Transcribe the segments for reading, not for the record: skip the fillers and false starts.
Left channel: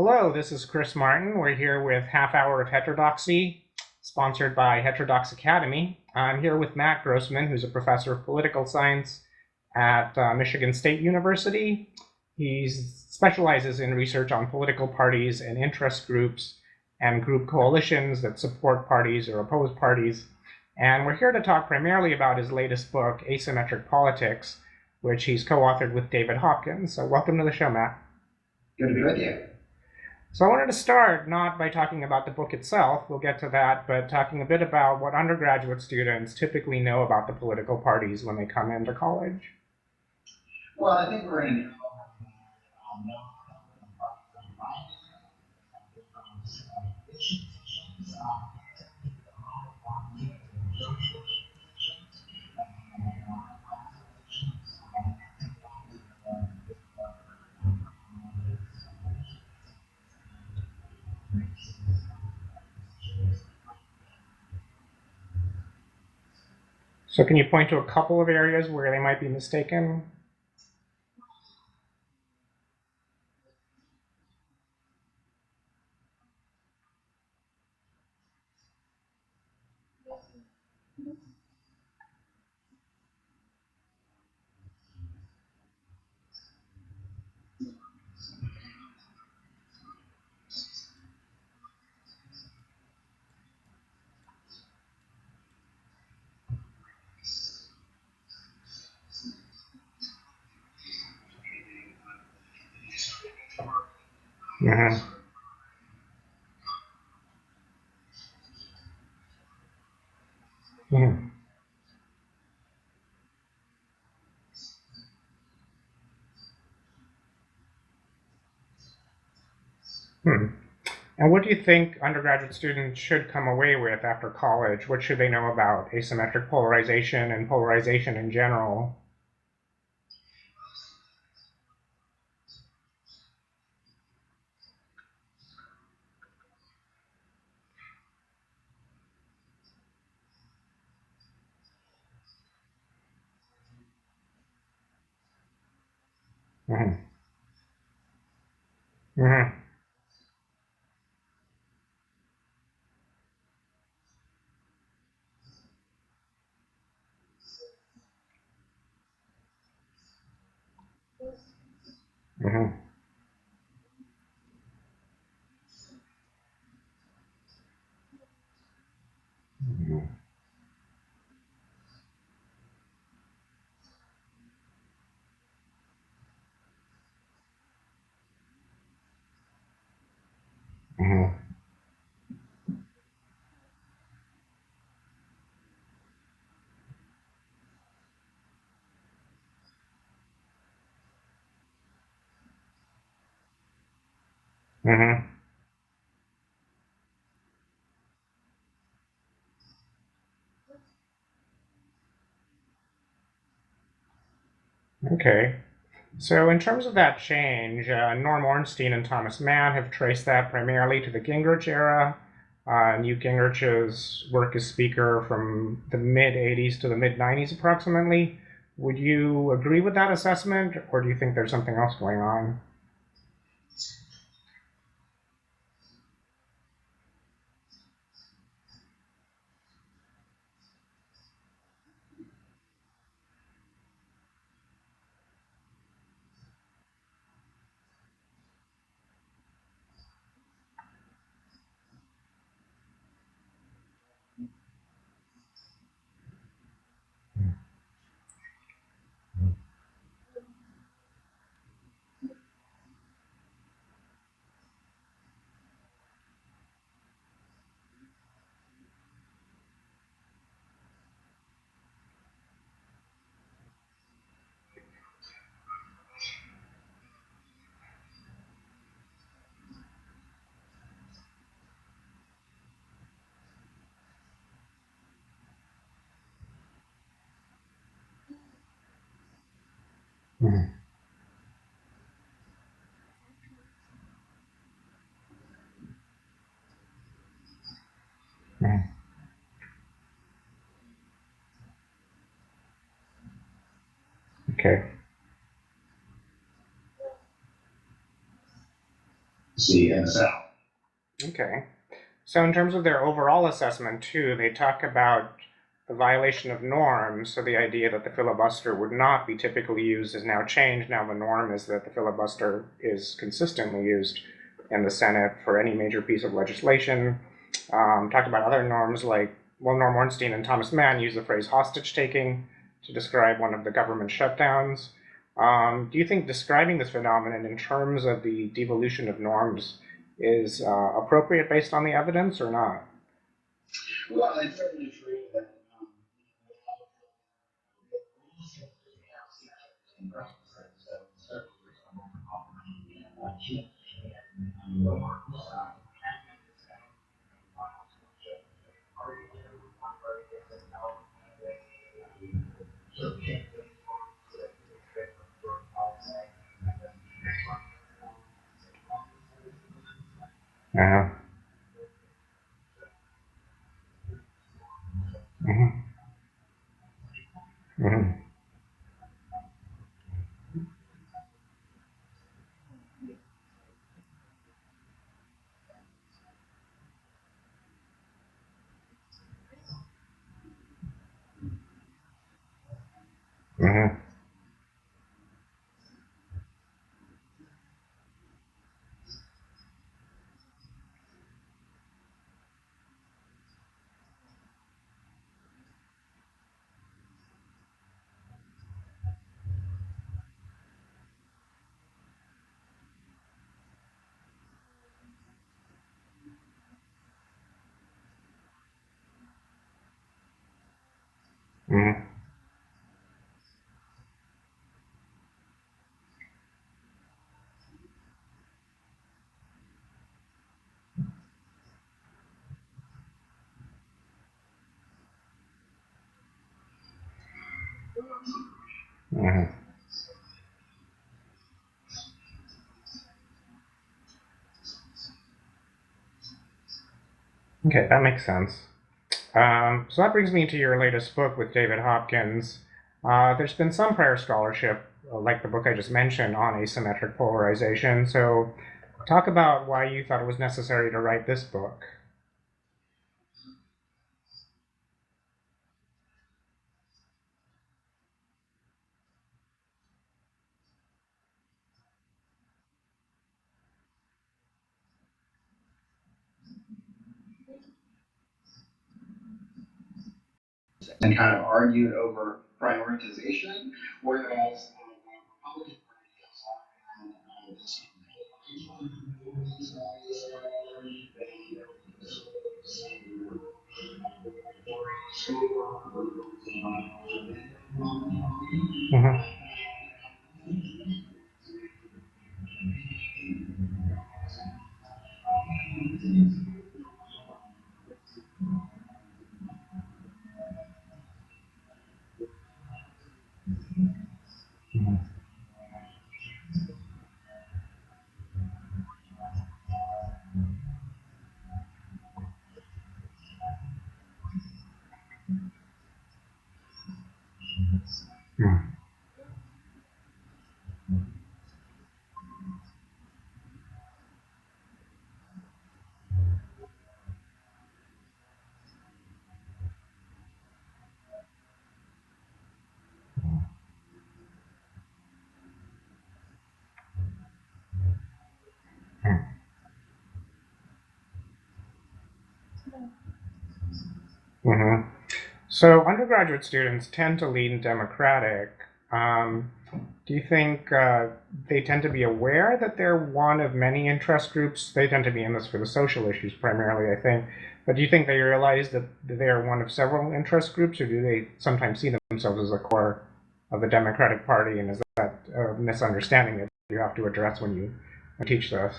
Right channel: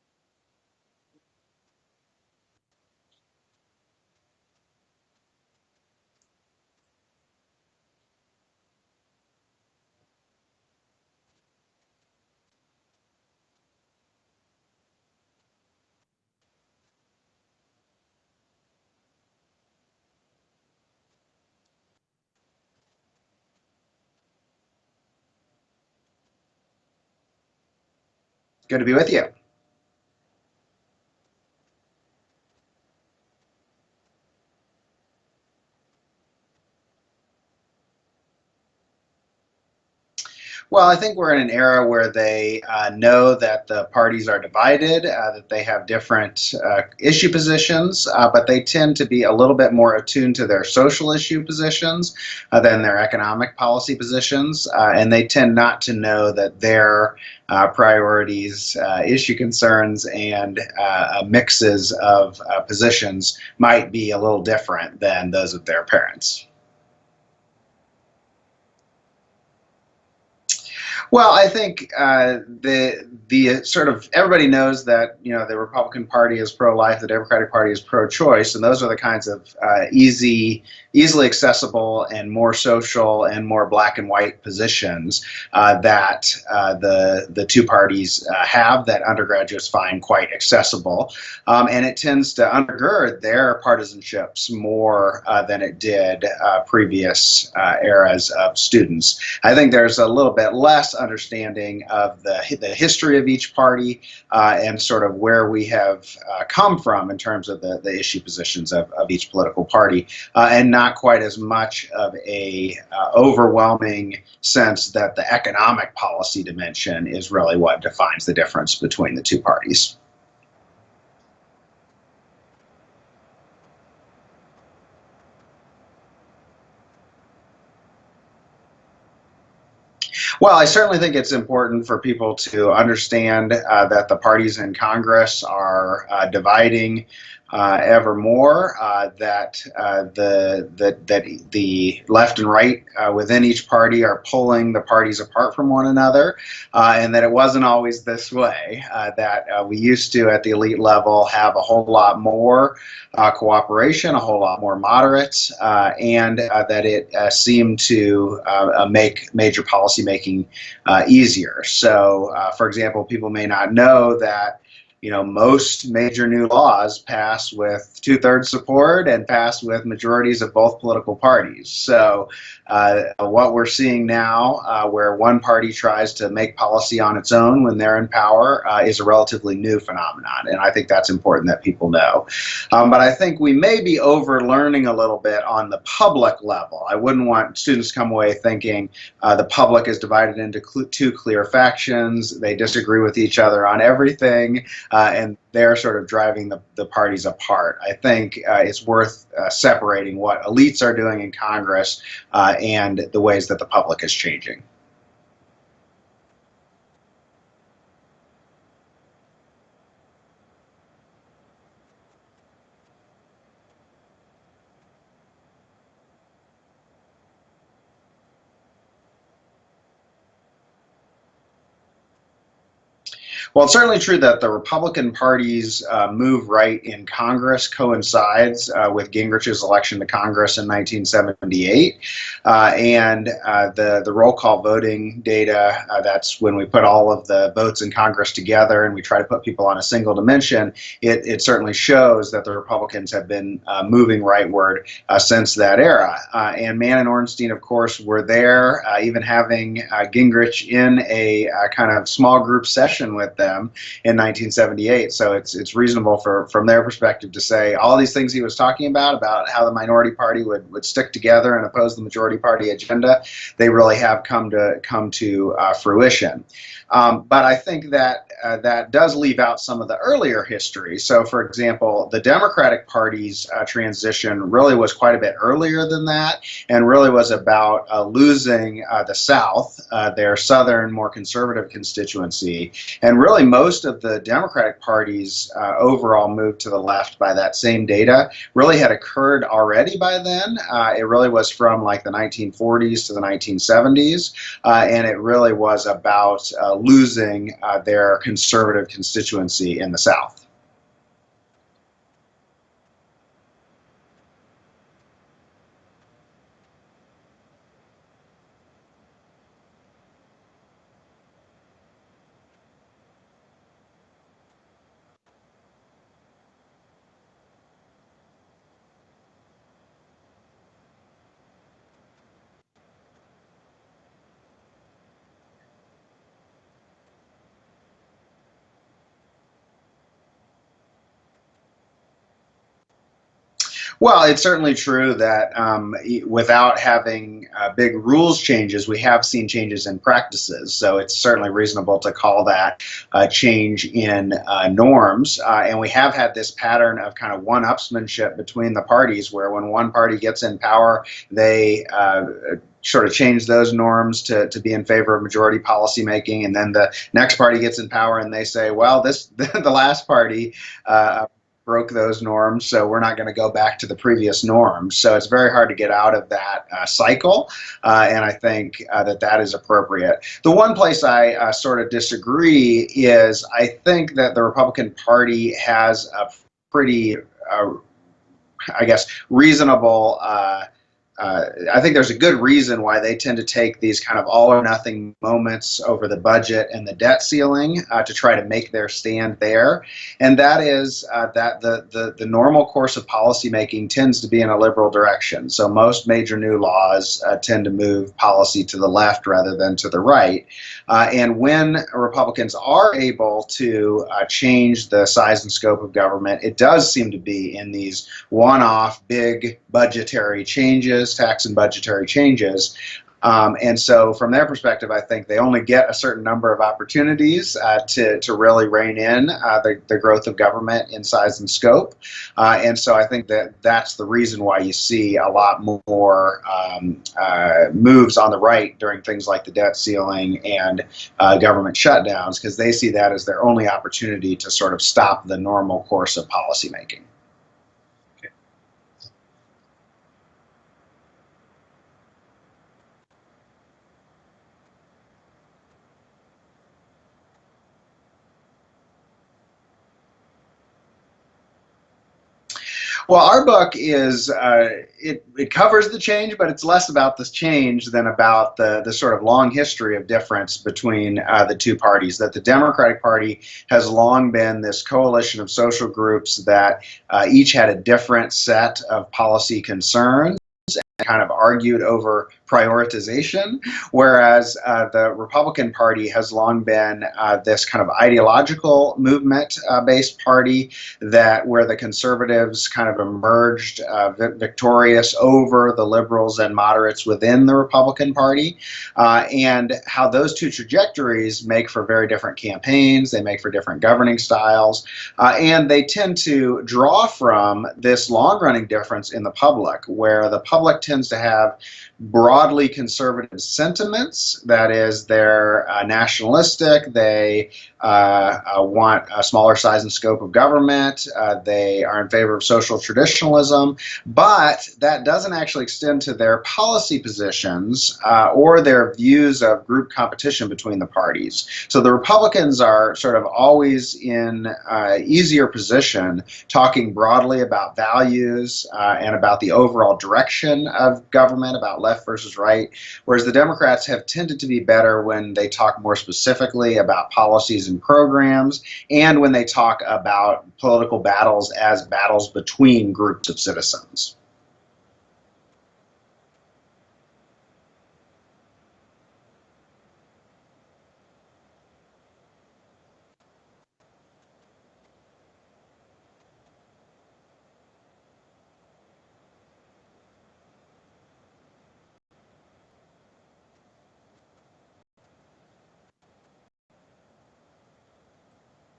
Hello, this is Chris Martin. We're here with Half Hour of Heterodoxy, sponsored by Heterodox Academy. I'm here with Matt Grossmann, who's a professor of political science at Michigan State University. He specializes in research on political parties and interest groups and group coalitions that support parties or oppose parties. And we're here to talk primarily about his latest book, Asymmetric Politics, which he's co-authored with David Hopkins. So welcome to the show, Matt. Good to be with you. So I wanted to start not by talking about the book itself, we'll get to that, but talking a bit about what undergraduate students typically know about the political parties when they come into college. Well, I think we're in an era where they know that the parties are divided, that they have different issue positions, but they tend to be a little bit more attuned to their social issue positions than their economic policy positions, and they tend not to know that their priorities, issue concerns, and mixes of positions might be a little different than those of their parents. So can you point to a couple of areas where they might be mistaken? Well, I think the sort of everybody knows that the Republican Party is pro-life, the Democratic Party is pro-choice, and those are the kinds of easily accessible and more social and more black and white positions that the two parties have that undergraduates find quite accessible, and it tends to undergird their partisanships more than it did previous eras of students. I think there's a little bit less understanding of the history of each party and sort of where we have come from in terms of the issue positions of each political party, and not quite as much of a overwhelming sense that the economic policy dimension is really what defines the difference between the two parties. And what do you think undergraduate students should come away with after college? What should they know about asymmetric polarization and polarization in general? Well, I certainly think it's important for people to understand that the parties in Congress are dividing ever more, that the left and right within each party are pulling the parties apart from one another, and that it wasn't always this way, that we used to, at the elite level, have a whole lot more cooperation, a whole lot more moderates, and that it seemed to make major policy making easier. So, for example, people may not know that most major new laws pass with 2/3 support and pass with majorities of both political parties. So what we're seeing now, where one party tries to make policy on its own when they're in power, is a relatively new phenomenon. And I think that's important that people know. But I think we may be over-learning a little bit on the public level. I wouldn't want students to come away thinking the public is divided into two clear factions. They disagree with each other on everything. And they're sort of driving the parties apart. I think it's worth separating what elites are doing in Congress and the ways that the public is changing. Okay. So in terms of that change, Norm Ornstein and Thomas Mann have traced that primarily to the Gingrich era. Newt Gingrich's work as speaker from the mid-'80s to the mid-'90s approximately. Would you agree with that assessment, or do you think there's something else going on? Well, it's certainly true that the Republican Party's move right in Congress coincides with Gingrich's election to Congress in 1978. And the roll call voting data, that's when we put all of the votes in Congress together and we try to put people on a single dimension, it certainly shows that the Republicans have been moving rightward since that era. And Mann and Ornstein, of course, were there, even having Gingrich in a kind of small group session with them in 1978. So it's reasonable from their perspective to say all these things he was talking about how the minority party would stick together and oppose the majority party agenda, they really have come to fruition. But I think that that does leave out some of the earlier history. So, for example, the Democratic Party's transition really was quite a bit earlier than that, and really was about losing the South, their southern, more conservative constituency. And really, most of the Democratic Party's overall move to the left by that same data really had occurred already by then. It really was from like the 1940s to the 1970s, and it really was about losing their conservative constituency in the South. Okay. So in terms of their overall assessment, too, they talk about the violation of norms. So the idea that the filibuster would not be typically used is now changed. Now the norm is that the filibuster is consistently used in the Senate for any major piece of legislation. Talk about other norms like, well, Norm Ornstein and Thomas Mann use the phrase hostage taking to describe one of the government shutdowns. Do you think describing this phenomenon in terms of the devolution of norms is appropriate based on the evidence or not? Well, it's certainly true that without having big rules changes, we have seen changes in practices. So it's certainly reasonable to call that a change in norms. And we have had this pattern of kind of one-upsmanship between the parties, where when one party gets in power, they sort of change those norms to be in favor of majority policymaking, and then the next party gets in power and they say, well, the last party broke those norms, so we're not going to go back to the previous norms. So it's very hard to get out of that cycle, and I think that is appropriate. The one place I sort of disagree is I think that the Republican Party has a pretty, I guess, reasonable I think there's a good reason why they tend to take these kind of all or nothing moments over the budget and the debt ceiling to try to make their stand there. And that is that the normal course of policymaking tends to be in a liberal direction. So most major new laws tend to move policy to the left rather than to the right. And when Republicans are able to change the size and scope of government, it does seem to be in these one-off big budgetary changes, tax and budgetary changes. And so from their perspective, I think they only get a certain number of opportunities to really rein in the growth of government in size and scope. And so I think that that's the reason why you see a lot more moves on the right during things like the debt ceiling and government shutdowns, because they see that as their only opportunity to sort of stop the normal course of policymaking. Okay, that makes sense. So that brings me to your latest book with David Hopkins. There's been some prior scholarship, like the book I just mentioned, on asymmetric polarization. So talk about why you thought it was necessary to write this book. Well, our book is, it covers the change, but it's less about this change than about the sort of long history of difference between the two parties. That the Democratic Party has long been this coalition of social groups that each had a different set of policy concerns and kind of argued over prioritization, whereas the Republican Party has long been this kind of ideological movement-based party where the conservatives kind of emerged victorious over the liberals and moderates within the Republican Party, and how those two trajectories make for very different campaigns, they make for different governing styles, and they tend to draw from this long-running difference in the public, where the public tends to have broadly conservative sentiments. That is, they're nationalistic, they want a smaller size and scope of government, they are in favor of social traditionalism, but that doesn't actually extend to their policy positions or their views of group competition between the parties. So the Republicans are sort of always in easier position talking broadly about values and about the overall direction of government, about left versus right, whereas the Democrats have tended to be better when they talk more specifically about policies and programs, and when they talk about political battles as battles between groups of citizens. So undergraduate students tend to lean Democratic. Do you think they tend to be aware that they're one of many interest groups? They tend to be in this for the social issues primarily, I think. But do you think they realize that they are one of several interest groups, or do they sometimes see themselves as the core of the Democratic Party? And is that a misunderstanding that you have to address when you teach this?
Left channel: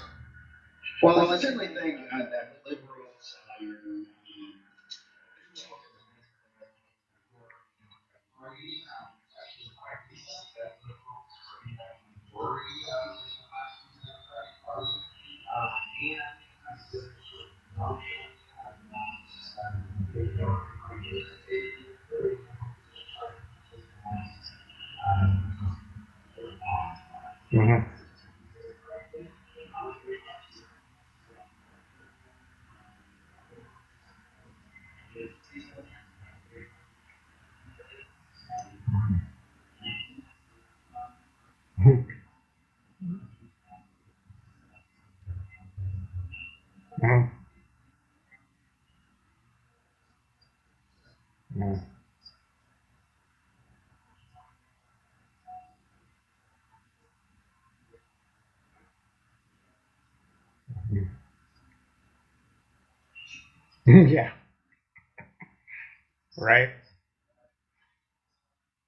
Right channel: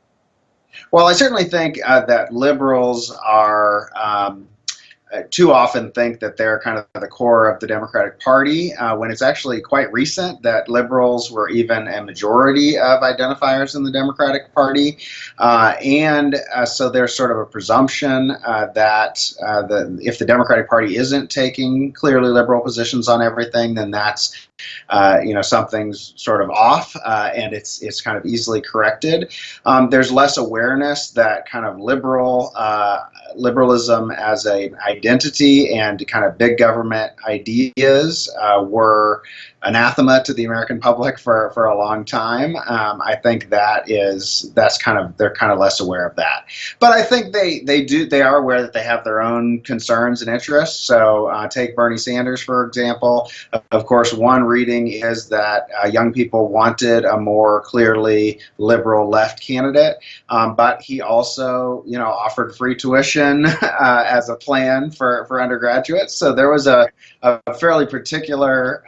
Well, I certainly think that liberals are too often think that they're kind of the core of the Democratic Party, when it's actually quite recent that liberals were even a majority of identifiers in the Democratic Party. So there's sort of a presumption that if the Democratic Party isn't taking clearly liberal positions on everything, then that's something's sort of off, and it's kind of easily corrected. There's less awareness that kind of liberalism as a identity and kind of big government ideas were anathema to the American public for a long time. I think they're kind of less aware of that. But I think they are aware that they have their own concerns and interests. So take Bernie Sanders, for example. Of course, one reading is that young people wanted a more clearly liberal left candidate, but he also, offered free tuition as a plan for undergraduates. So there was a fairly particular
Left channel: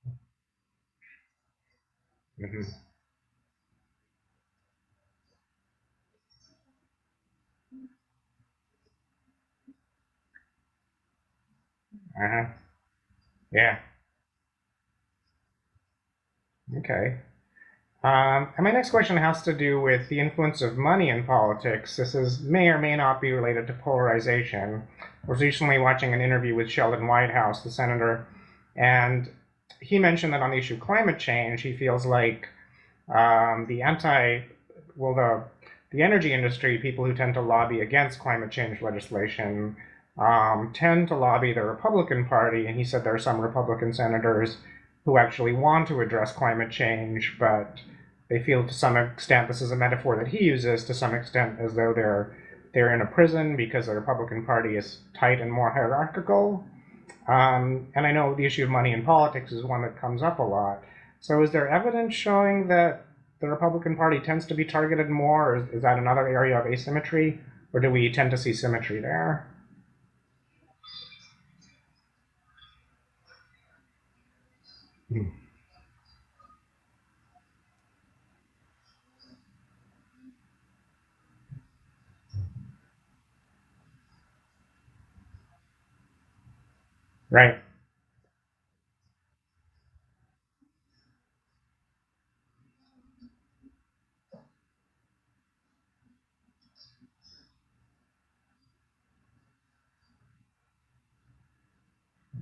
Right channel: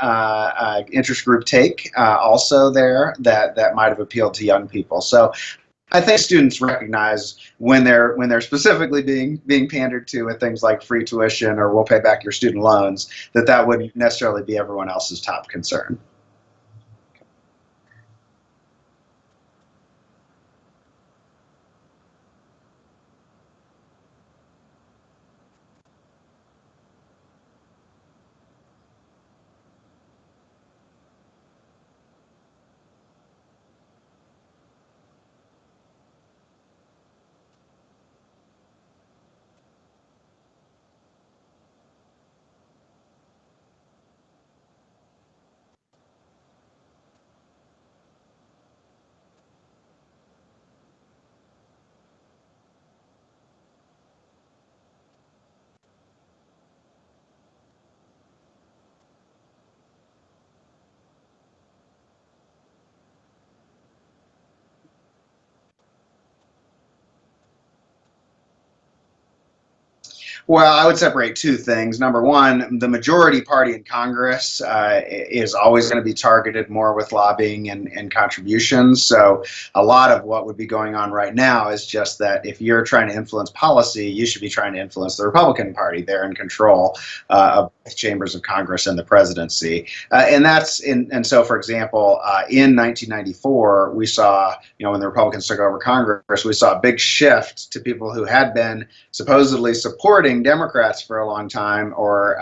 interest group take also there that might have appealed to young people. So I think students recognize when they're specifically being pandered to with things like free tuition or we'll pay back your student loans, that wouldn't necessarily be everyone else's top concern. Okay. And my next question has to do with the influence of money in politics. May or may not be related to polarization. I was recently watching an interview with Sheldon Whitehouse, the senator, and he mentioned that on the issue of climate change, he feels like the energy industry, people who tend to lobby against climate change legislation, tend to lobby the Republican Party, and he said there are some Republican senators who actually want to address climate change, but they feel to some extent, this is a metaphor that he uses, to some extent as though they're in a prison because the Republican Party is tight and more hierarchical. And I know the issue of money in politics is one that comes up a lot. So is there evidence showing that the Republican Party tends to be targeted more, or is that another area of asymmetry, or do we tend to see symmetry there? Well, I would separate two things. Number one, the majority party in Congress is always going to be targeted more with lobbying and contributions. So a lot of what would be going on right now is just that if you're trying to influence policy, you should be trying to influence the Republican Party. They're in control of both chambers of Congress and the presidency. And so, for example, in 1994, we saw, when the Republicans took over Congress, we saw a big shift to people who had been supposedly supporting Democrats for a long time, or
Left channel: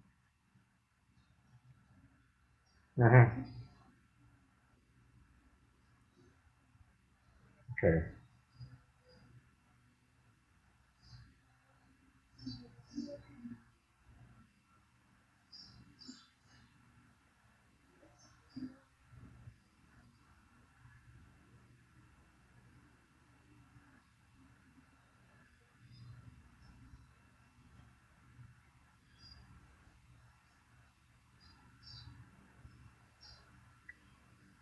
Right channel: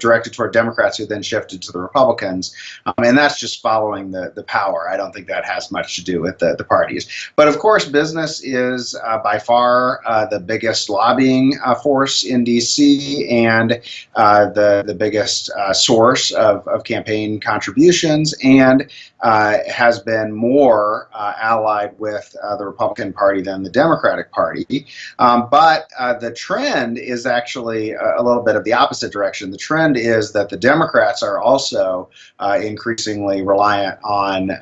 directed toward Democrats who then shifted to the Republicans, and that's just following the power. I don't think that has much to do with the parties. But of course, business is by far the biggest lobbying force in D.C. and the biggest source of campaign contributions, and has been more allied with the Republican Party than the Democratic Party. But the trend is actually a little bit of the opposite direction. The trend is that the Democrats are also increasingly reliant on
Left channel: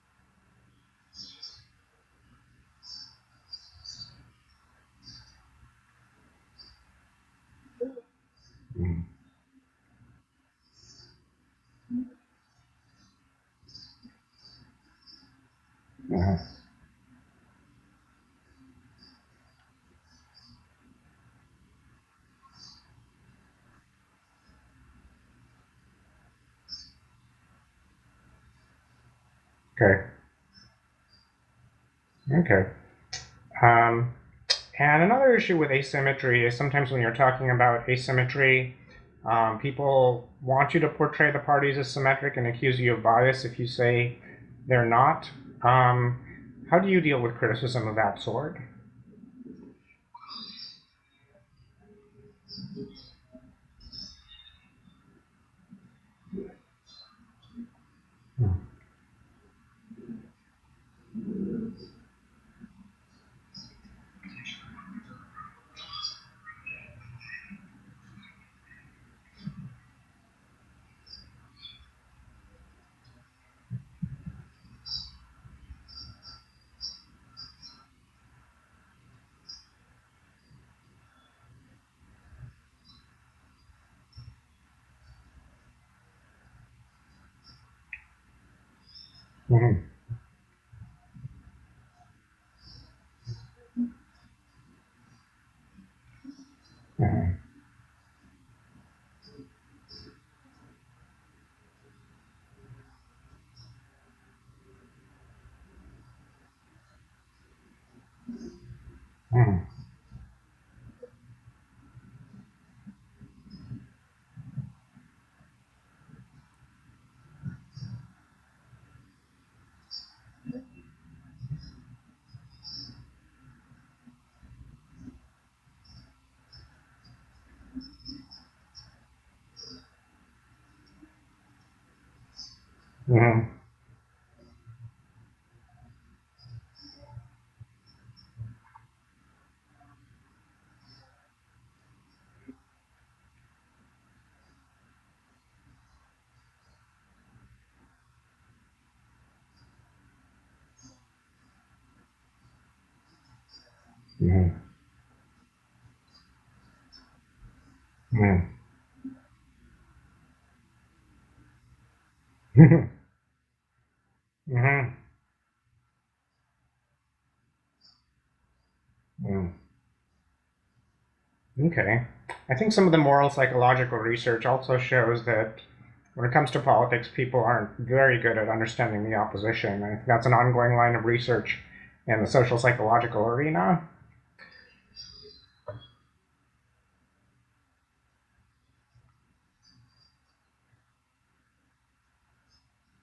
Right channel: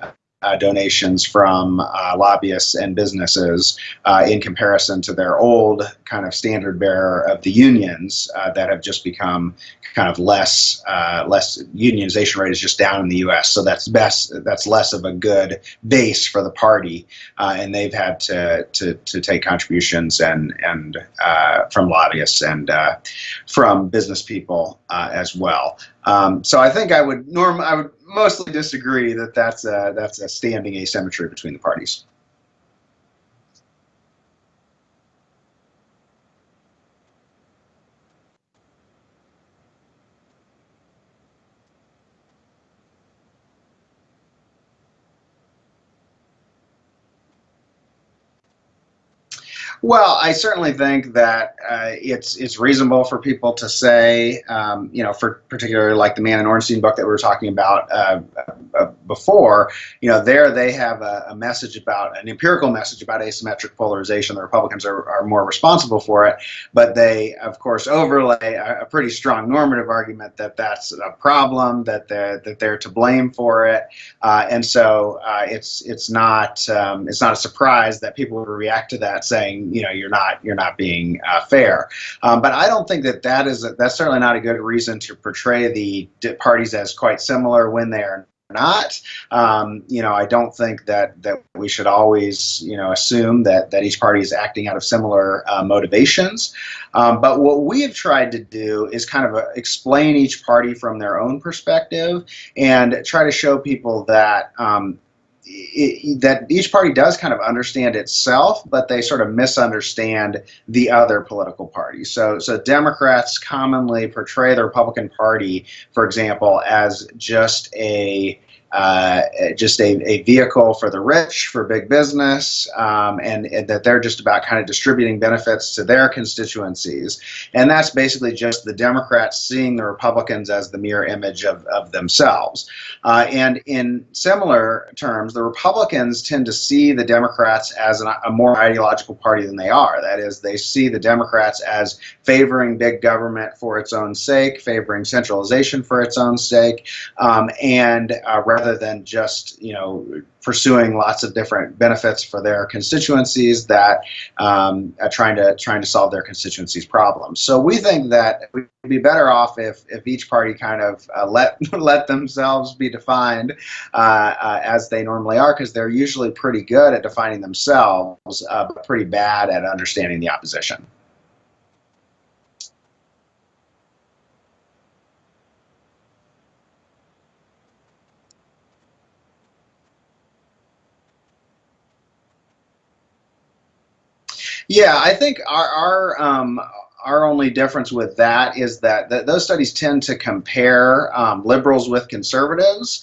donations from lobbyists and businesses in comparison to their old kind of standard bearer of the unions that have just become kind of less unionization rate is just down in the U.S. So that's less of a good base for the party, and they've had to take contributions and from lobbyists and from business people as well. So I think I would mostly disagree that that's a standing asymmetry between the parties. Okay. And another issue with asymmetry is sometimes when you're talking about asymmetry, people want you to portray the parties as symmetric and accuse you of bias if you say they're not. How do you deal with criticism of that sort? Well, I certainly think that it's reasonable for people to say, for particularly like the Man in Ornstein book that we were talking about before, there they have a message about an empirical message about asymmetric polarization. The Republicans are more responsible for it, but they, of course, overlay a pretty strong normative argument that that's a problem, that they're to blame for it, and so it's not a surprise that people would react to that saying, you're not being fair. But I don't think that's certainly not a good reason to portray the parties as quite similar when they are not. I don't think that we should always, assume that each party is acting out of similar motivations. But what we have tried to do is kind of explain each party from their own perspective and try to show people that that each party does kind of understand itself, but they sort of misunderstand the other political parties. So Democrats commonly portray the Republican Party, for example, as just a vehicle for the rich, for big business, and that they're just about kind of distributing benefits to their constituencies. And that's basically just the Democrats seeing the Republicans as the mirror image of themselves. And in similar terms, the Republicans tend to see the Democrats as a more ideological party than they are. That is, they see the Democrats as favoring big government for its own sake, favoring centralization for its own sake, and rather than just pursuing lots of different benefits for their constituencies, that trying to solve their constituencies' problems. So we think that we'd be better off if each party kind of let themselves be defined as they normally are, because they're usually pretty good at defining themselves, but pretty bad at understanding the opposition. Okay. I think some of the moral psychological research also shows that when it comes to politics, people aren't very good at understanding the opposition. I think that's an ongoing line of research in the social psychological arena. Yeah, I think our only difference with that is that those studies tend to compare liberals with conservatives,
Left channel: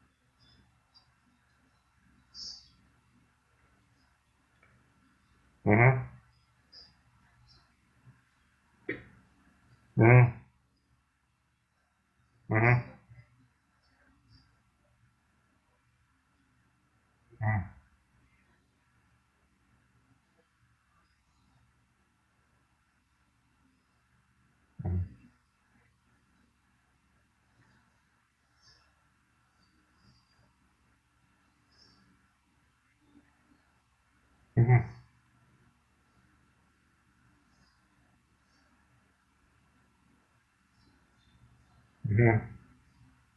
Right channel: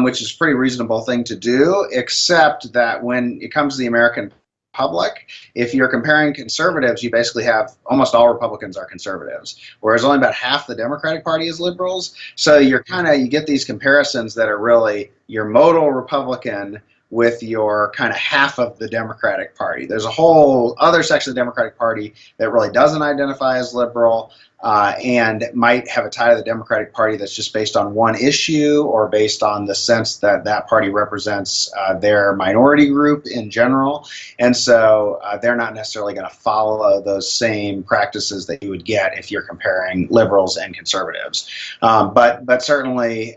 which is a pretty reasonable thing to do, except that when it comes to the American public, if you're comparing conservatives, you basically have almost all Republicans are conservatives, whereas only about half the Democratic Party is liberals. So you get these comparisons that are really your modal Republican with your kind of half of the Democratic Party. There's a whole other section of the Democratic Party that really doesn't identify as liberal, and might have a tie to the Democratic Party that's just based on one issue, or based on the sense that that party represents their minority group in general. And so they're not necessarily going to follow those same practices that you would get if you're comparing liberals and conservatives. But certainly,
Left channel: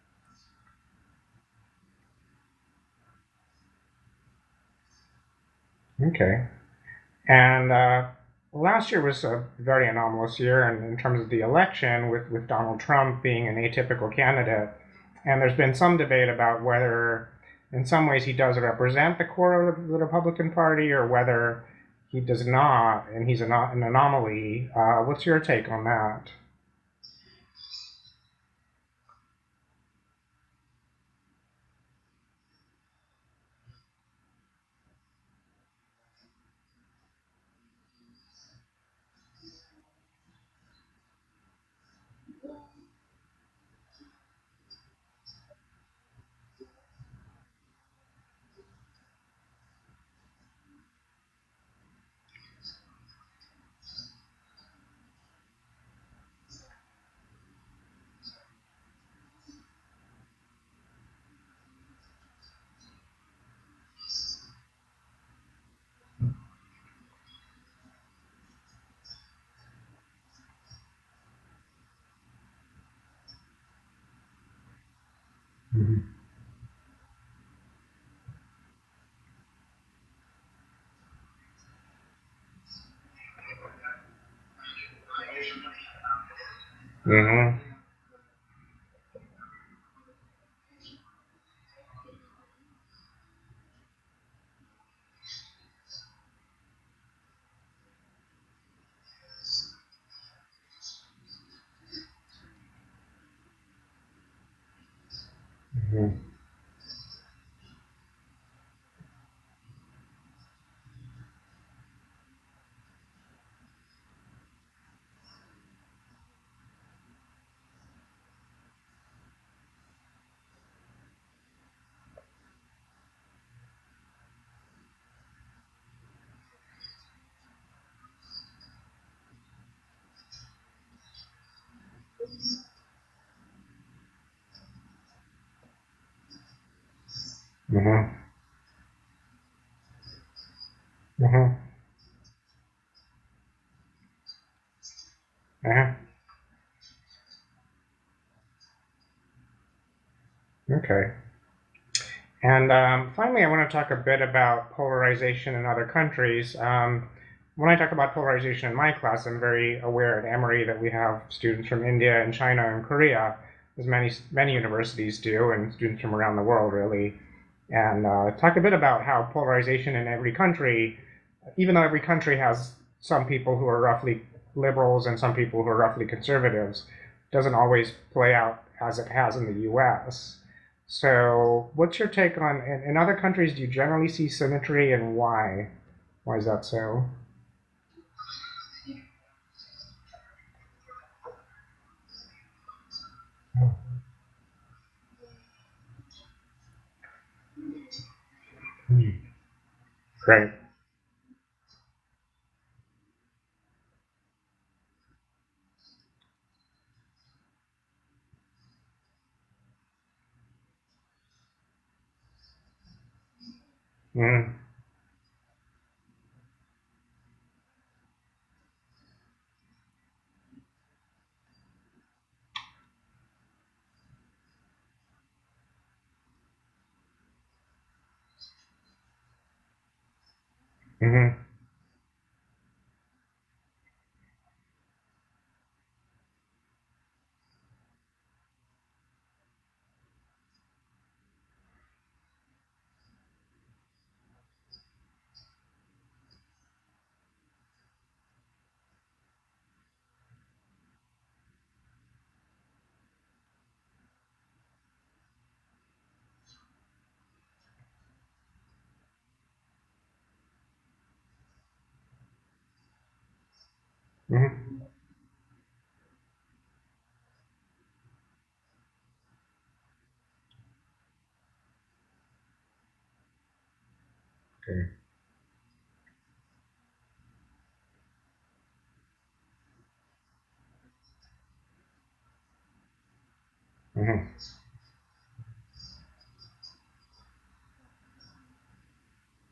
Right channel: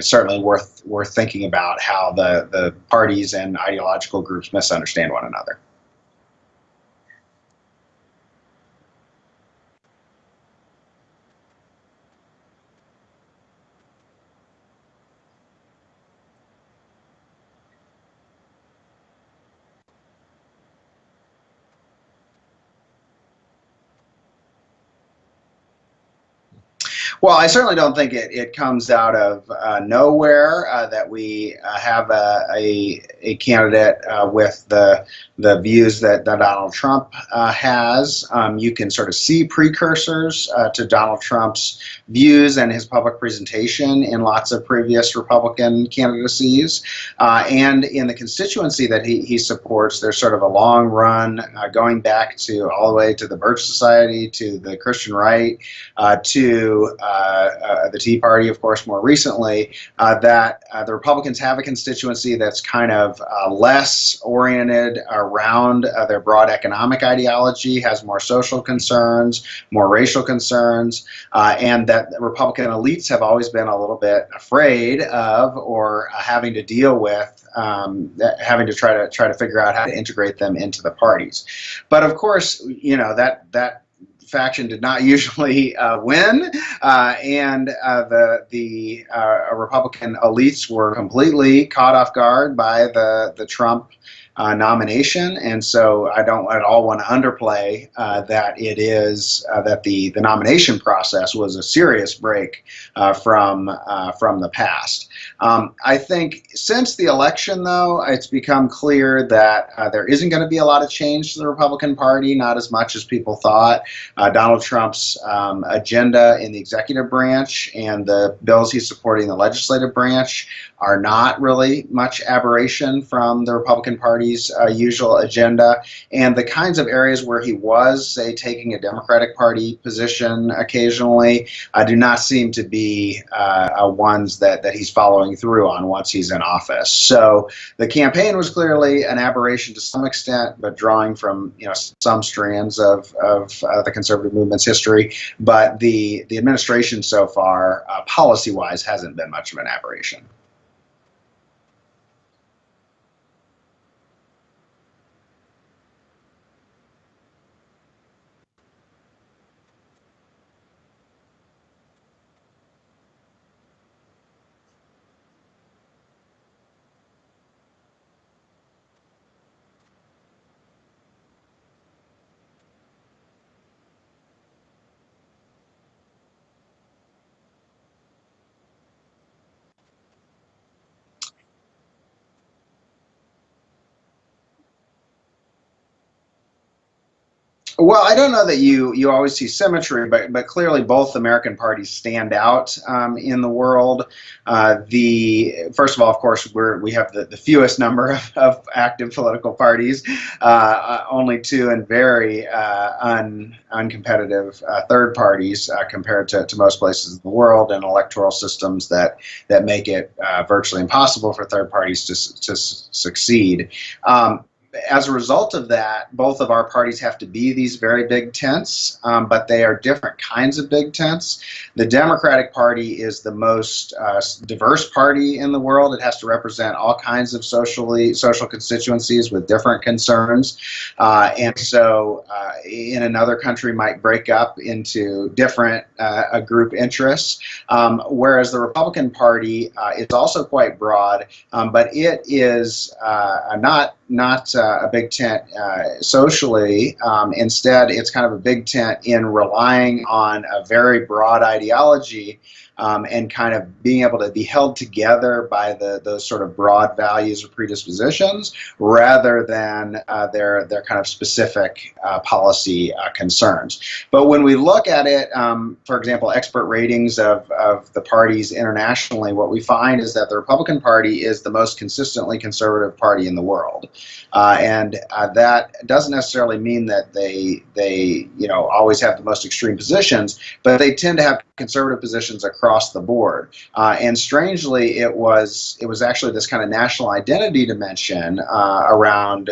certainly worth thinking about how the parties and ideological groups misunderstand one another. Okay. And last year was a very anomalous year in terms of the election, with Donald Trump being an atypical candidate. And there's been some debate about whether, in some ways, he does represent the core of the Republican Party, or whether he does not, and he's an anomaly. What's your take on that? Well, I certainly don't think it comes out of nowhere that we have a candidate with the views that Donald Trump has. You can sort of see precursors to Donald Trump's views and his public presentation in lots of previous Republican candidacies. And in the constituency that he supports, there's sort of a long run going back to all the way to the Birch Society, to the Christian Right, to the Tea Party, of course, more recently, that the Republicans have a constituency that's kind of less oriented around their broad economic ideology, has more social concerns, more racial concerns, and that Republican elites have always been a little bit afraid of, or having to deal with, having to try to figure out how to integrate them into the parties. But of course, that faction did not usually win, and the Republican elites were completely caught off guard by the Trump nomination. And so I don't at all want to underplay that it is that the nomination process was a serious break from the past. I think since the election, though, it's become clear that there isn't going to be a lot of change to the Republican Party, not as much as people thought. Donald Trump's agenda in the executive branch and the bills he's supporting in the legislative branch are not really much aberration from the Republican Party's usual agenda. And the kinds of areas where he was, say, taking a Democratic Party position occasionally, do not seem to be ones that he's following through on once he's in office. So the campaign was clearly an aberration to some extent, but drawing from some strands of the conservative movement's history. But the administration so far, policy-wise, hasn't been much of an aberration. Okay. And finally, I want to talk a bit about polarization in other countries. When I talk about polarization in my class, I'm very aware at Emory that we have students from India and China and Korea. as many universities do, and students from around the world really, and talk a bit about how polarization in every country, even though every country has some people who are roughly liberals and some people who are roughly conservatives, doesn't always play out as it has in the U.S. So, what's your take on in other countries? Do you generally see symmetry, and why? Why is that so? Well, I don't know that you always see symmetry, but clearly both American parties stand out in the world. The first of all, of course, we have the fewest number of active political parties, Right. only two, and very uncompetitive third parties compared to most places in the world, and electoral systems that make it virtually impossible for third parties to succeed. Mm. As a result of that, both of our parties have to be these very big tents, but they are different kinds of big tents. The Democratic Party is the most diverse party in the world. It has to represent all kinds of social constituencies with different concerns, and so in another country might break up into different group interests. Whereas the Republican Party is also quite broad, but it is not a big tent socially. Instead, it's kind of a big tent in relying on a very broad ideology and kind of being able to be held together by those sort of broad values or predispositions rather than their kind of specific policy concerns. But when we look at it, for example, expert ratings of the parties internationally, what we find is that the Republican Party is the most consistently conservative party in the world. And that doesn't necessarily mean that they always have the most extreme positions, but they tend to have conservative positions across the board. And strangely, it was actually this kind of national identity dimension around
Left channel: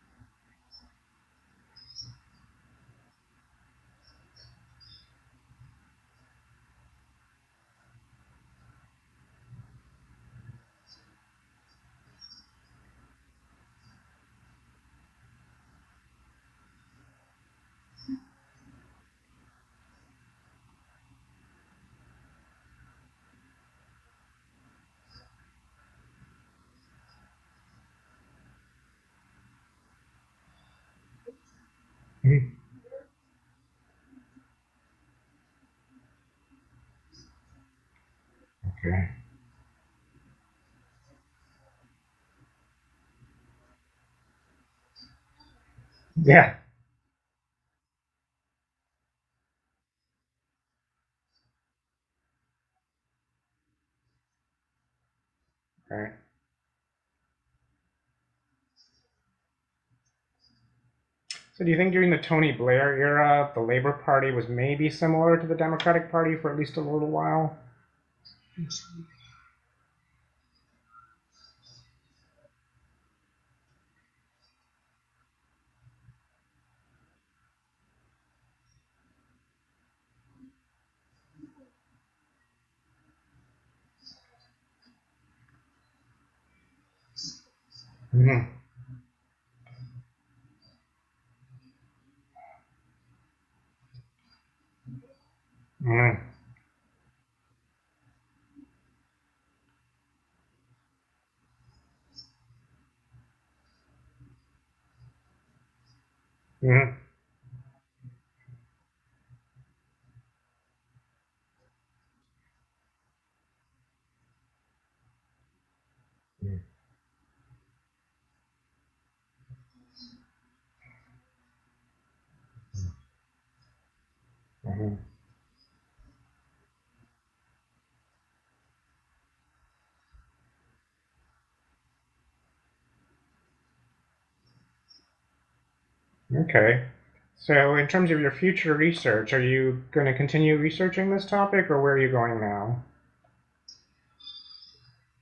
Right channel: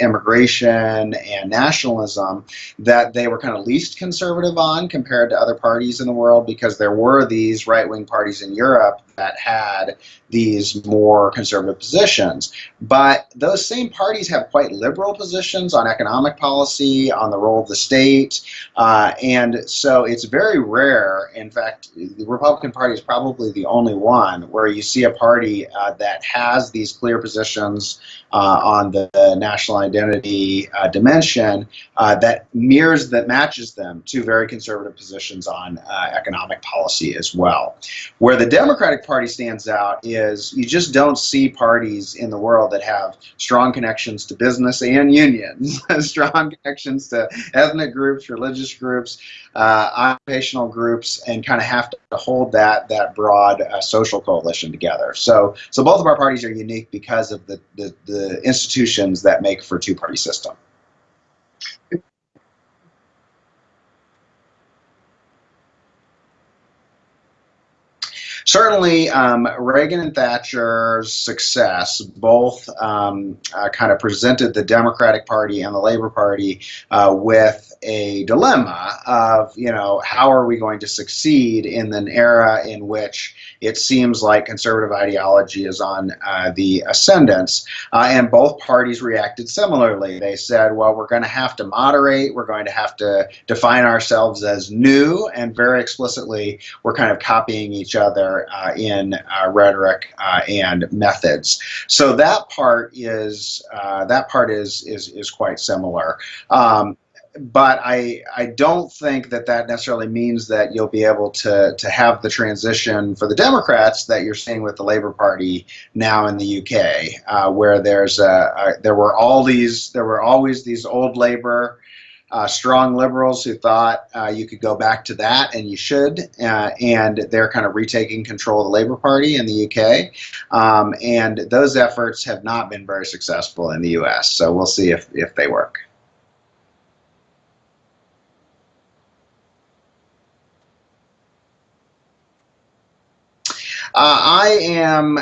immigration and nationalism that they were kind of least conservative on compared to other parties in the world, because there were these right-wing parties in Europe that had these more conservative positions. But those same parties have quite liberal positions on economic policy, on the role of the state. And so it's very rare. In fact, the Republican Party is probably the only one where you see a party that has these clear positions on the national identity dimension that matches them to very conservative positions on economic policy as well. Where the Democratic Party stands out is you just don't see parties in the world that have strong connections to business and unions, strong connections to ethnic groups, religious groups, occupational groups, and kind of have to hold that broad social coalition together. So both of our parties are unique because of the institutions that make for a two-party system. So do you think during the Tony Blair era, the Labor Party was maybe similar to the Democratic Party for at least a little while? Certainly, Reagan and Thatcher's success both kind of presented the Democratic Party and the Labor Party with a dilemma of, how are we going to succeed in an era in which it seems like conservative ideology is on the ascendance. And both parties reacted similarly. They said, well, we're going to have to moderate. We're going to have to define ourselves as new, and very explicitly, we're kind of copying each other in rhetoric and methods. So that part is quite similar. But I don't think that necessarily means that you'll be able to have the transition for the Democrats that you're seeing with the Labour Party now in the UK, where there were always these old Labour strong liberals who thought you could go back to that, and you should, and they're kind of retaking control of the Labour Party in the UK, and those efforts have not been very successful in the US, so we'll see if they work. Okay. So in terms of your future research, are you going to continue researching this topic, or where are you going now? I am,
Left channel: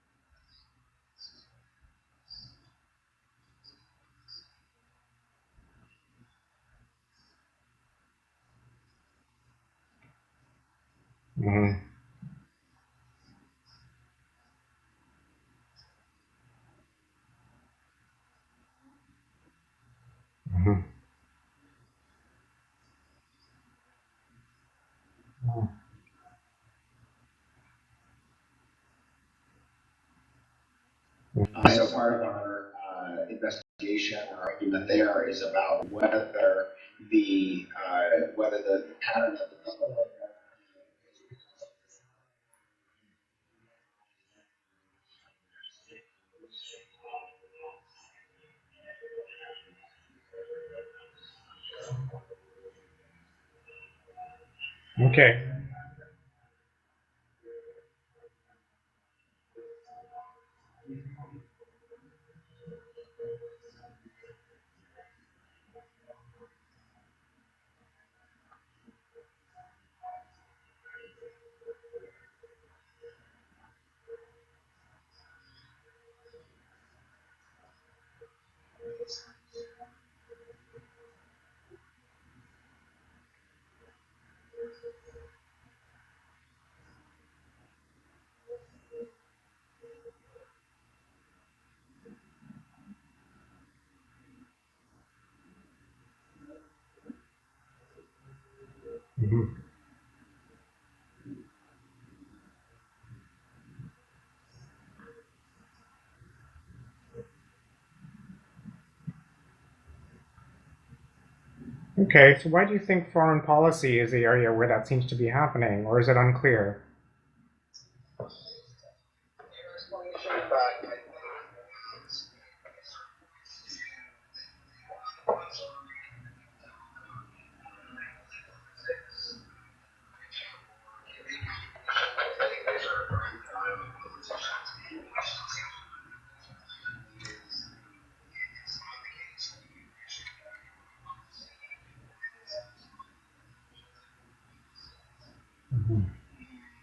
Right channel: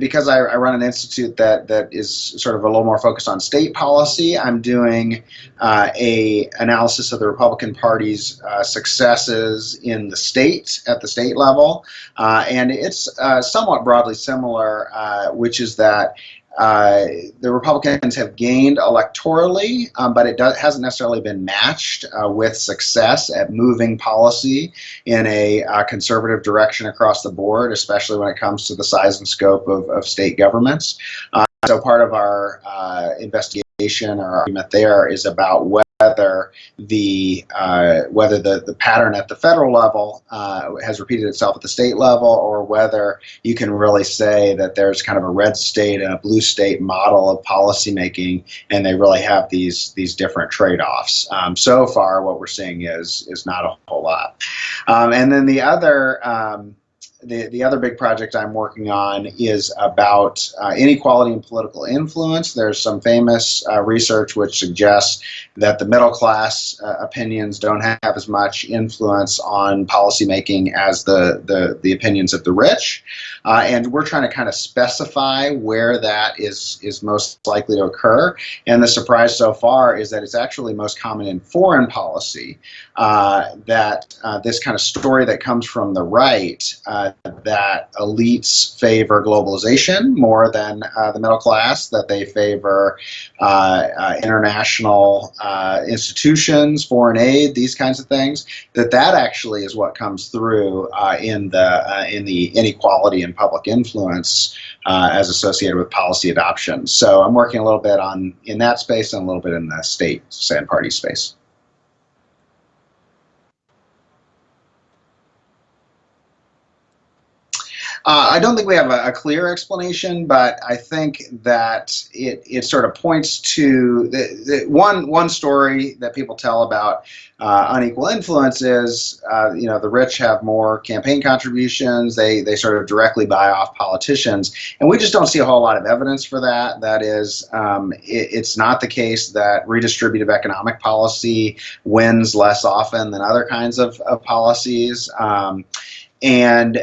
because I run an institute that is sort of a little more focused on state policy. I'm doing a analysis of the Republican Party's successes in the state, at the state level, and it's somewhat broadly similar, which is that the Republicans have gained electorally, but it hasn't necessarily been matched with success at moving policy in a conservative direction across the board, especially when it comes to the size and scope of state governments. So part of our investigation or argument there is about whether the pattern at the federal level has repeated itself at the state level, or whether you can really say that there's kind of a red state and a blue state model of policymaking, and they really have these different trade-offs. So far, what we're seeing is not a whole lot. And then the other. The other big project I'm working on is about inequality and political influence. There's some famous research which suggests that the middle class opinions don't have as much influence on policymaking as the opinions of the rich. And we're trying to kind of specify where that is most likely to occur. And the surprise so far is that it's actually most common in foreign policy, that this kind of story that comes from the right, that elites favor globalization more than the middle class, that they favor international institutions, foreign aid, these kinds of things, that actually is what comes through in the inequality and public influence as associated with policy adoption. So I'm working a little bit in that space and a little bit in the state and party space. Okay, so why do you think foreign policy is the area where that seems to be happening, or is it unclear? I don't think we have a clear explanation, but I think that it sort of points to one story that people tell about unequal influence is, the rich have more campaign contributions. They sort of directly buy off politicians, and we just don't see a whole lot of evidence for that. That is, it's not the case that redistributive economic policy wins less often than other kinds of policies, and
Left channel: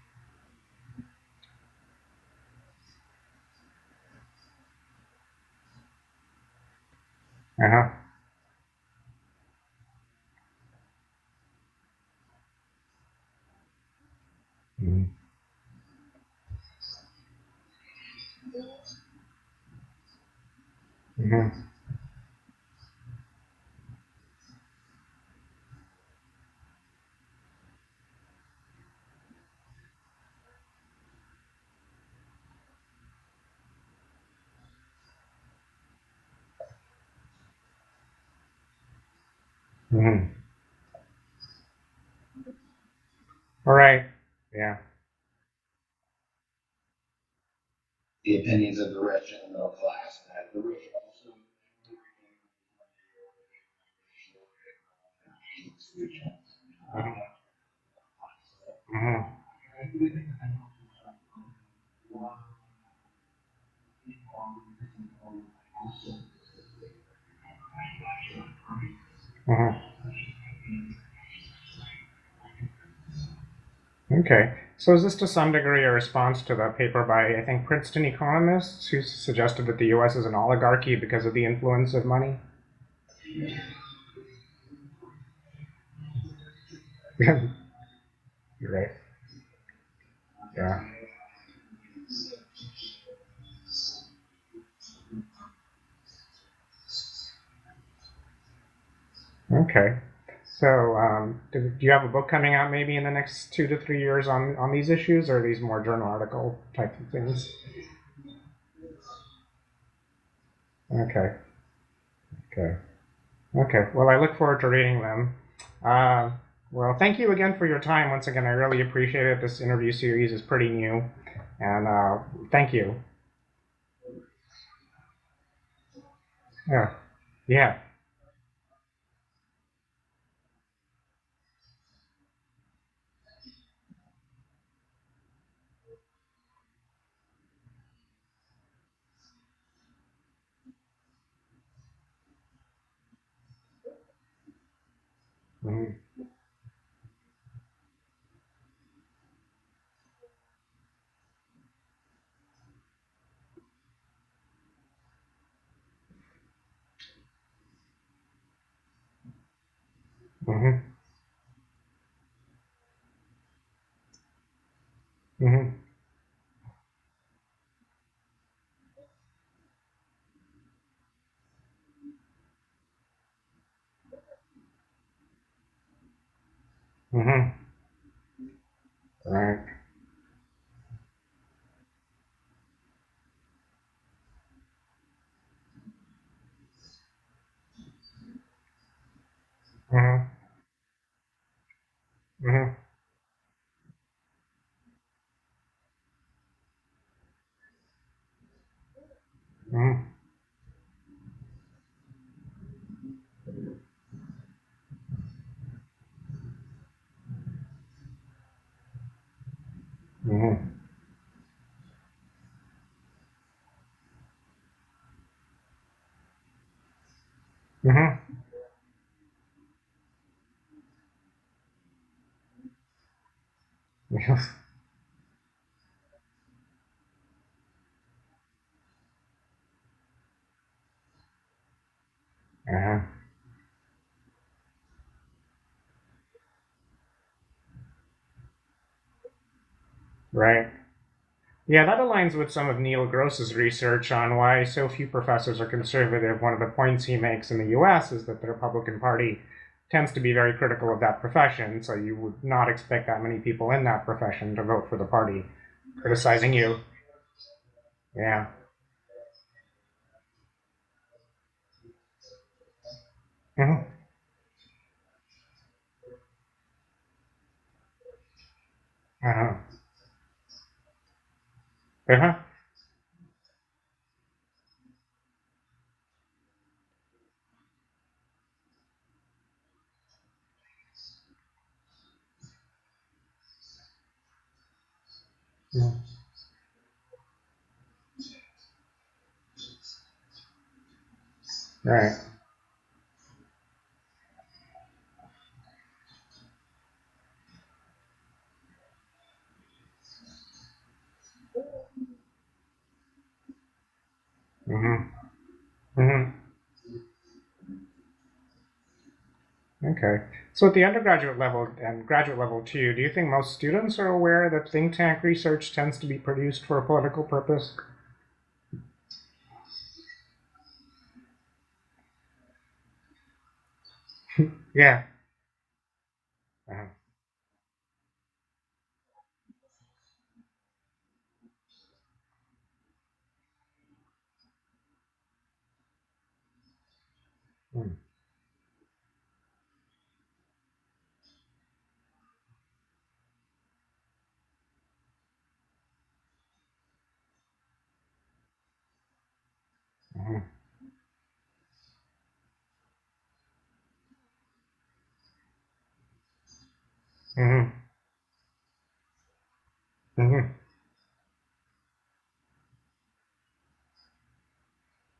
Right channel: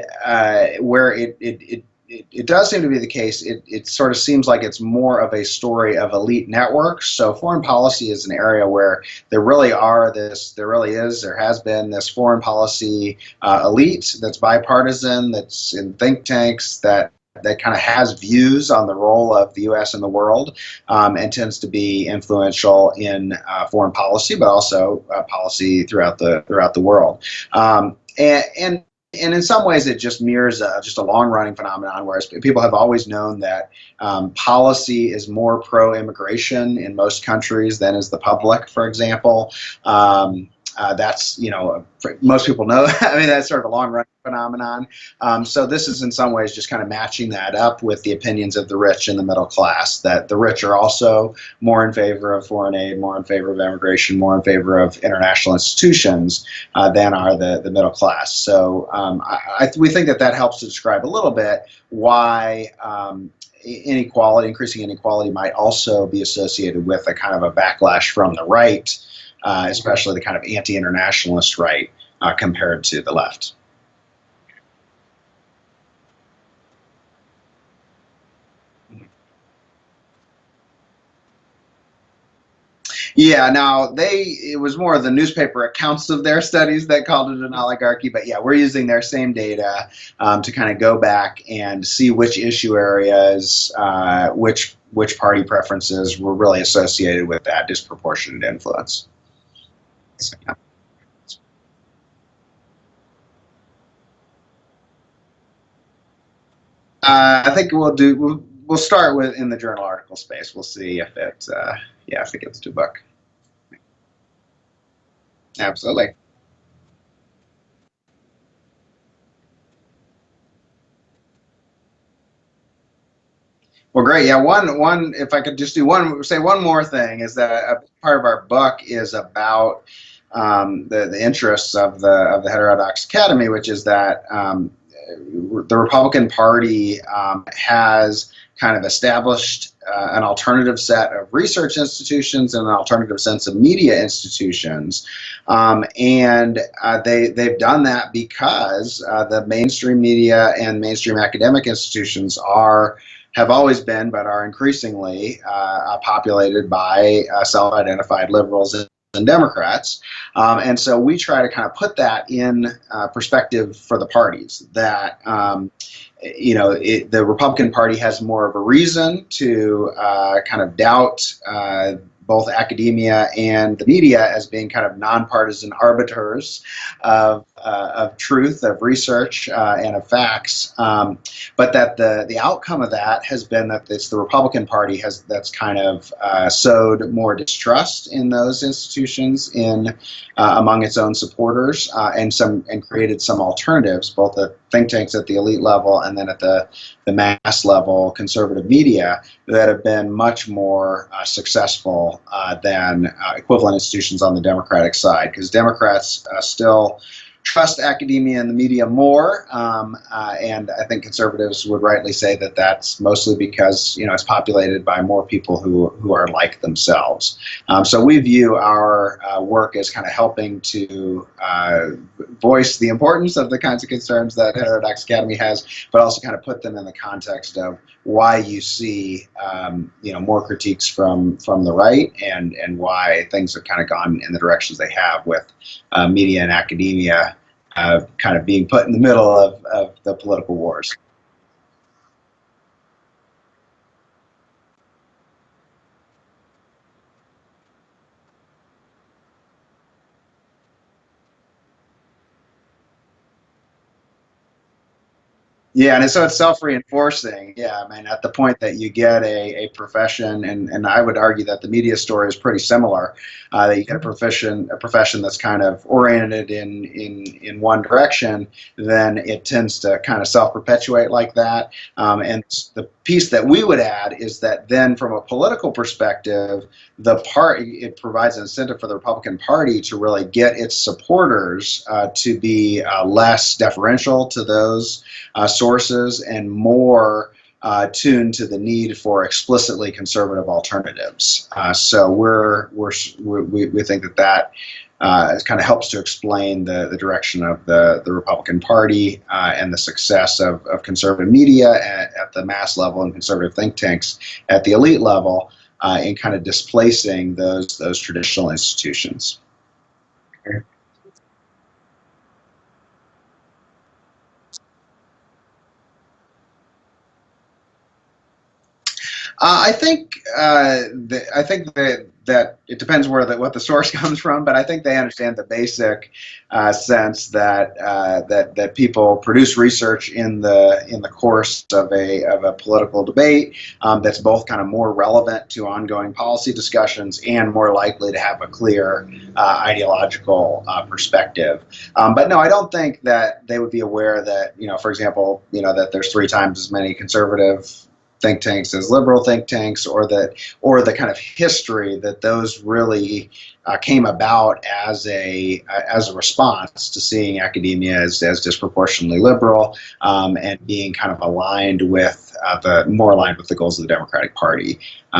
where it does seem to be the case, it sort of seems like it's more of a story of elite networks. So foreign policy is an area where there has been this foreign policy elite that's bipartisan, that's in think tanks, that kind of has views on the role of the U.S. in the world, and tends to be influential in foreign policy, but also policy throughout the world. And in some ways, it just mirrors just a long-running phenomenon, whereas people have always known that policy is more pro-immigration in most countries than is the public, for example. That's, most people know. I mean, that's sort of a long-running phenomenon. So this is in some ways just kind of matching that up with the opinions of the rich and the middle class, that the rich are also more in favor of foreign aid, more in favor of immigration, more in favor of international institutions than are the middle class. So we think that helps to describe a little bit why increasing inequality might also be associated with a kind of a backlash from the right, especially the kind of anti-internationalist right compared to the left. Okay. So is this to some degree a response to the paper by, I think, Princeton economists who suggested that the U.S. is an oligarchy because of the influence of money? Yeah, now it was more of the newspaper accounts of their studies that called it an oligarchy, but yeah, we're using their same data to kind of go back and see which issue areas, which party preferences were really associated with that disproportionate influence. Okay. So do you have a book coming out maybe in the next 2 to 3 years on these issues, or are these more journal article type things? I think we'll start in the journal article space. We'll see if it gets to book. Okay. Well, I look forward to reading them. Absolutely. Well, thank you again for your time. Once again, I really appreciate it. This interview series is pretty new, and thank you. Well, great. Yeah, one. If I could just say one more thing, is that part of our book is about the interests of the Heterodox Academy, which is that the Republican Party has kind of established an alternative set of research institutions and an alternative sense of media institutions. And they've done that because the mainstream media and mainstream academic institutions have always been, but are increasingly populated by self-identified liberals and Democrats. And so we try to kind of put that in perspective for the parties, that the Republican Party has more of a reason to kind of doubt both academia and the media as being kind of nonpartisan arbiters of truth, of research, and of facts. But that the outcome of that has been that it's the Republican Party that's kind of sowed more distrust in those institutions among its own supporters, and created some alternatives, both the think tanks at the elite level and then at the mass level conservative media that have been much more successful than equivalent institutions on the Democratic side, because Democrats still trust academia and the media more, and I think conservatives would rightly say that that's mostly because it's populated by more people who are like themselves. So we view our work as kind of helping to voice the importance of the kinds of concerns that Heterodox Academy has, but also kind of put them in the context of why you see more critiques from the right, and why things have kind of gone in the directions they have with media and academia kind of being put in the middle of the political wars. Yeah, that aligns with some of Neil Gross's research on why so few professors are conservative. One of the points he makes in the U.S. is that the Republican Party tends to be very critical of that profession, so you would not expect that many people in that profession to vote for the party. Yeah, and so it's self-reinforcing. Yeah, I mean, at the point that you get a profession, and I would argue that the media story is pretty similar, that you get a profession that's kind of oriented in one direction, then it tends to kind of self-perpetuate like that. And the piece that we would add is that then from a political perspective, it provides an incentive for the Republican Party to really get its supporters to be less deferential to those sources and more tuned to the need for explicitly conservative alternatives. So we think that kind of helps to explain the direction of the Republican Party and the success of conservative media at the mass level and conservative think tanks at the elite level in kind of displacing those traditional institutions. Okay. So at the undergraduate level and graduate level too, do you think most students are aware that think tank research tends to be produced for a political purpose? I think that it depends what the source comes from, but I think they understand the basic sense that people produce research in the course of a political debate that's both kind of more relevant to ongoing policy discussions and more likely to have a clear ideological perspective. But no, I don't think that they would be aware that for example, that there's 3 times as many conservative think tanks as liberal think tanks, or the kind of history that those really came about as a response to seeing academia as disproportionately liberal and being kind of aligned with more aligned with the goals of the Democratic Party.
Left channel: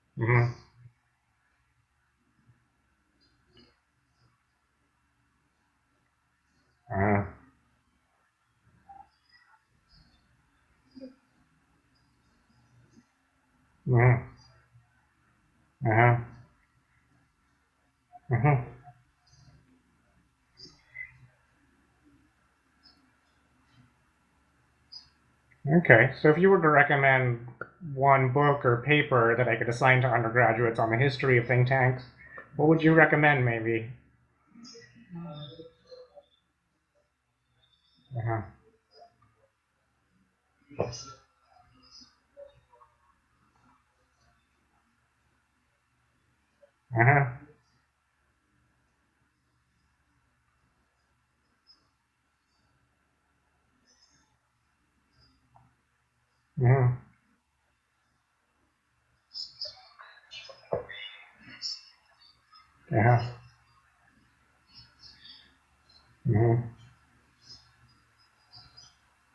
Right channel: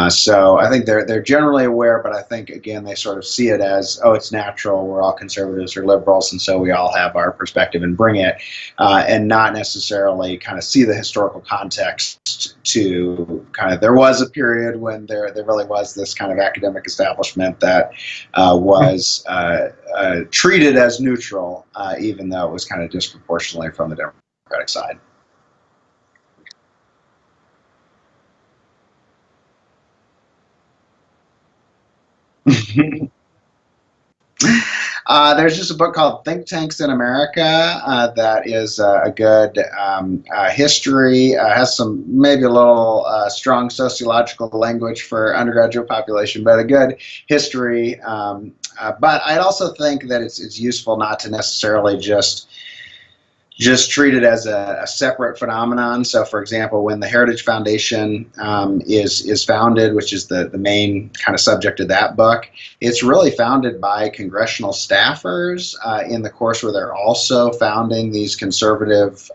So I think they're generally aware, but I think again they sort of see it as, oh, it's natural, we're all conservatives or liberals, and so we all have our perspective and bring it, and not necessarily kind of see the historical context to kind of there was a period when there really was this kind of academic establishment that was treated as neutral, even though it was kind of disproportionately from the Democratic side. Okay, so if you were to recommend one book or paper that I could assign to undergraduates on the history of think tanks, what would you recommend maybe? There's just a book called Think Tanks in America that is a good history, has some maybe a little strong sociological language for undergraduate population, but a good history. But I also think that it's useful not to necessarily just treat it as a separate phenomenon. So, for example, when the Heritage Foundation is founded, which is the main kind of subject of that book, it's really founded by congressional staffers in the course where they're also founding these conservative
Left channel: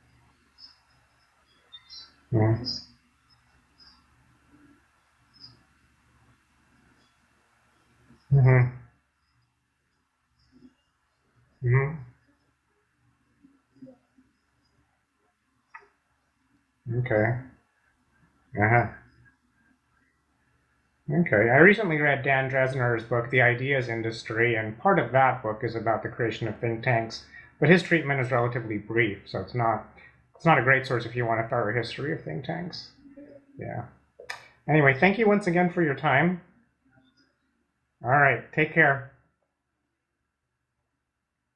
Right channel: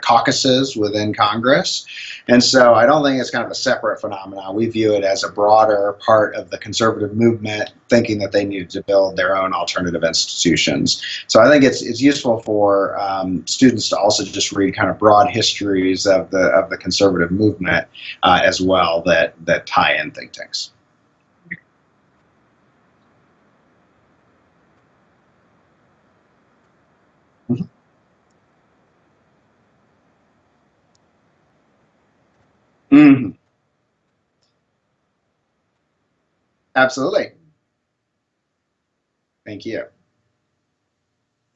caucuses within Congress. And so I don't think it's kind of a separate phenomenon. We view it as a broader part of the conservative movement, thinking that they need to build their own alternative institutions. So I think it's useful for students to also just read kind of broad histories of the conservative movement as well that tie in think tanks. Okay. I recently read Dan Dresner's book, The Ideas Industry, and part of that book is about the creation of think tanks, but his treatment is relatively brief, so it's not It's not a great source if you want a thorough history of think tanks. Mm-hmm. Yeah. Anyway, thank you once again for your time. Absolutely. All right. Take care. Thank you.